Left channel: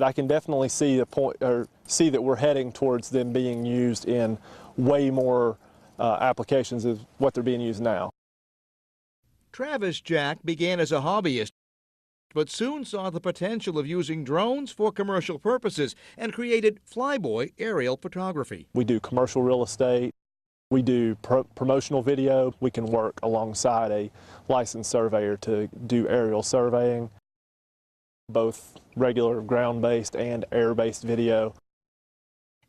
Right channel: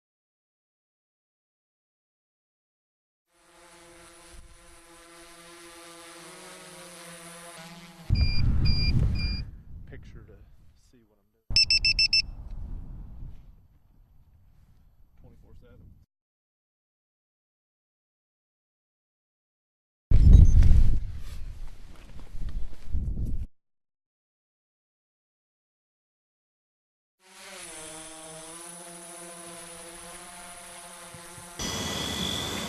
I can definitely see the point, or see that we're heading towards them being used in way more applications of what they're being used now. Travis Jack began as a hobbyist, but soon saw the potential of using drones for commercial purposes and created flyboy aerial photography. We do commercial real estate, we do promotional video, we can work alongside a licensed surveyor to do aerial surveying, both regular ground-based and air-based video.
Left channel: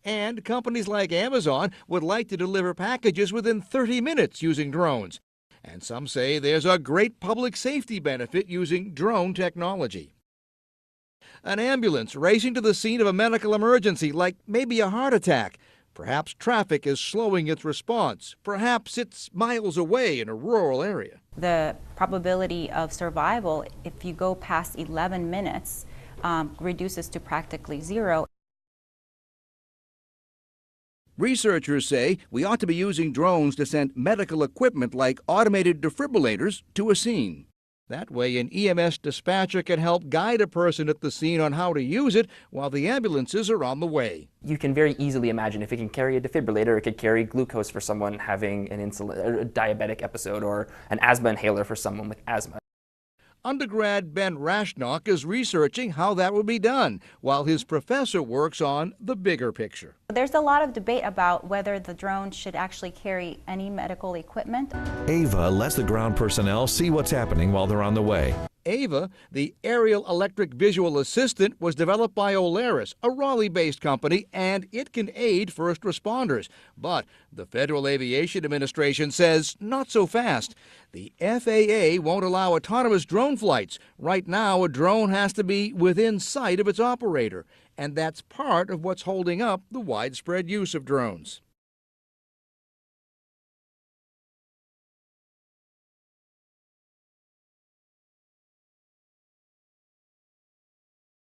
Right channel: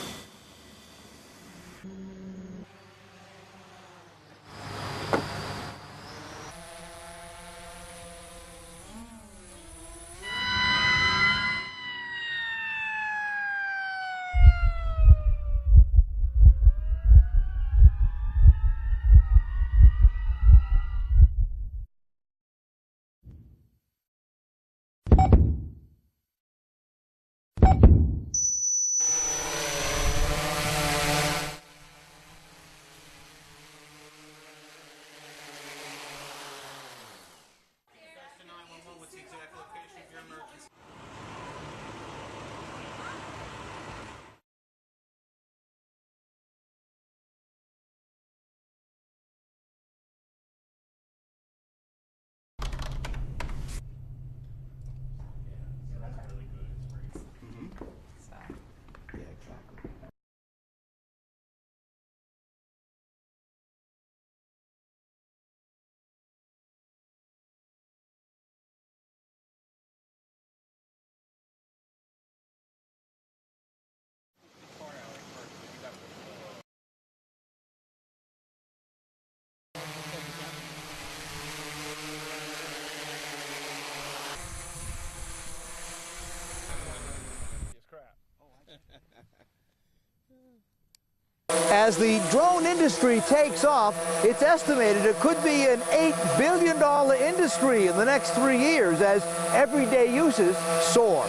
And companies like Amazon would like to deliver packages within 30 minutes using drones. And some say there's a great public safety benefit using drone technology. An ambulance racing to the scene of a medical emergency, like maybe a heart attack. Perhaps traffic is slowing its response. Perhaps it's miles away in a rural area. The probability of survival, if you go past 11 minutes, reduces to practically zero. Researchers say we ought to be using drones to send medical equipment like automated defibrillators to a scene. That way, an EMS dispatcher can help guide a person at the scene on how to use it while the ambulances are on the way. You can very easily imagine if it can carry a defibrillator, it could carry glucose for someone having an a diabetic episode, or an asthma inhaler for someone with asthma. Undergrad Ben Rashnock is researching how that would be done, while his professor works on the bigger picture. There's a lot of debate about whether the drone should actually carry any medical equipment. Ava lets the ground personnel see what's happening while they're on the way. Ava, the aerial electric visual assistant, was developed by Olaris, a Raleigh-based company, and it can aid first responders. But the Federal Aviation Administration says not so fast. The FAA won't allow autonomous drone flights. Right now, a drone has to be within sight of its operator. And that's part of what's holding up the widespread use of drones. As the drone industry takes off, it's estimated it could be an $8 billion industry in the next 3 years as everyday uses soar.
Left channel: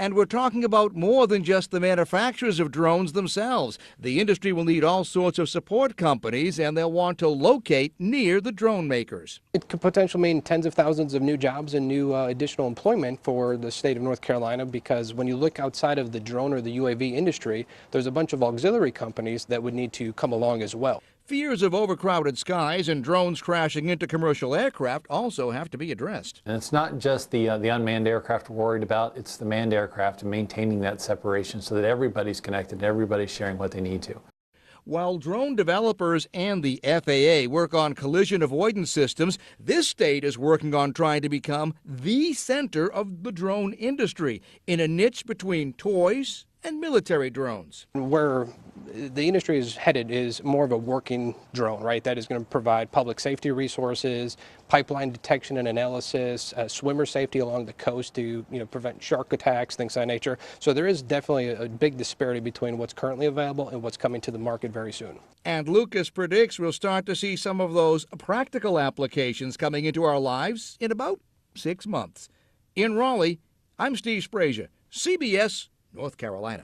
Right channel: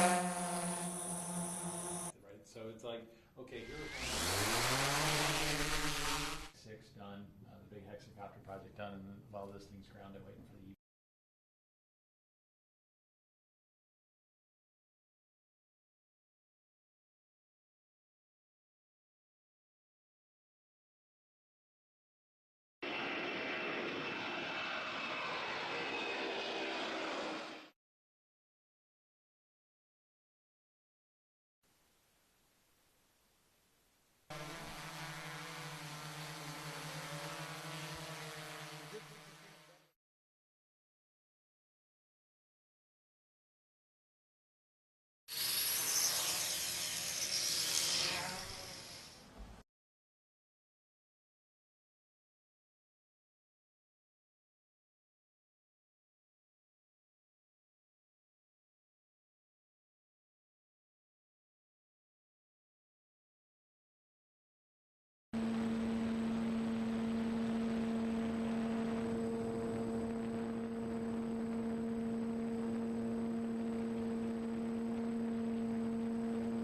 And we're talking about more than just the manufacturers of drones themselves. The industry will need all sorts of support companies, and they'll want to locate near the drone makers. It could potentially mean tens of thousands of new jobs and new additional employment for the state of North Carolina, because when you look outside of the drone or the UAV industry, there's a bunch of auxiliary companies that would need to come along as well. Fears of overcrowded skies and drones crashing into commercial aircraft also have to be addressed. And it's not just the unmanned aircraft we're worried about, it's the manned aircraft and maintaining that separation so that everybody's connected and everybody's sharing what they need to. While drone developers and the FAA work on collision avoidance systems, this state is working on trying to become the center of the drone industry in a niche between toys and military drones. Where the industry is headed is more of a working drone, right? That is going to provide public safety resources, pipeline detection and analysis, swimmer safety along the coast to prevent shark attacks, things of that nature. So there is definitely a big disparity between what's currently available and what's coming to the market very soon. And Lucas predicts we'll start to see some of those practical applications coming into our lives in about 6 months. In Raleigh, I'm Steve Sprazier, CBS, North Carolina.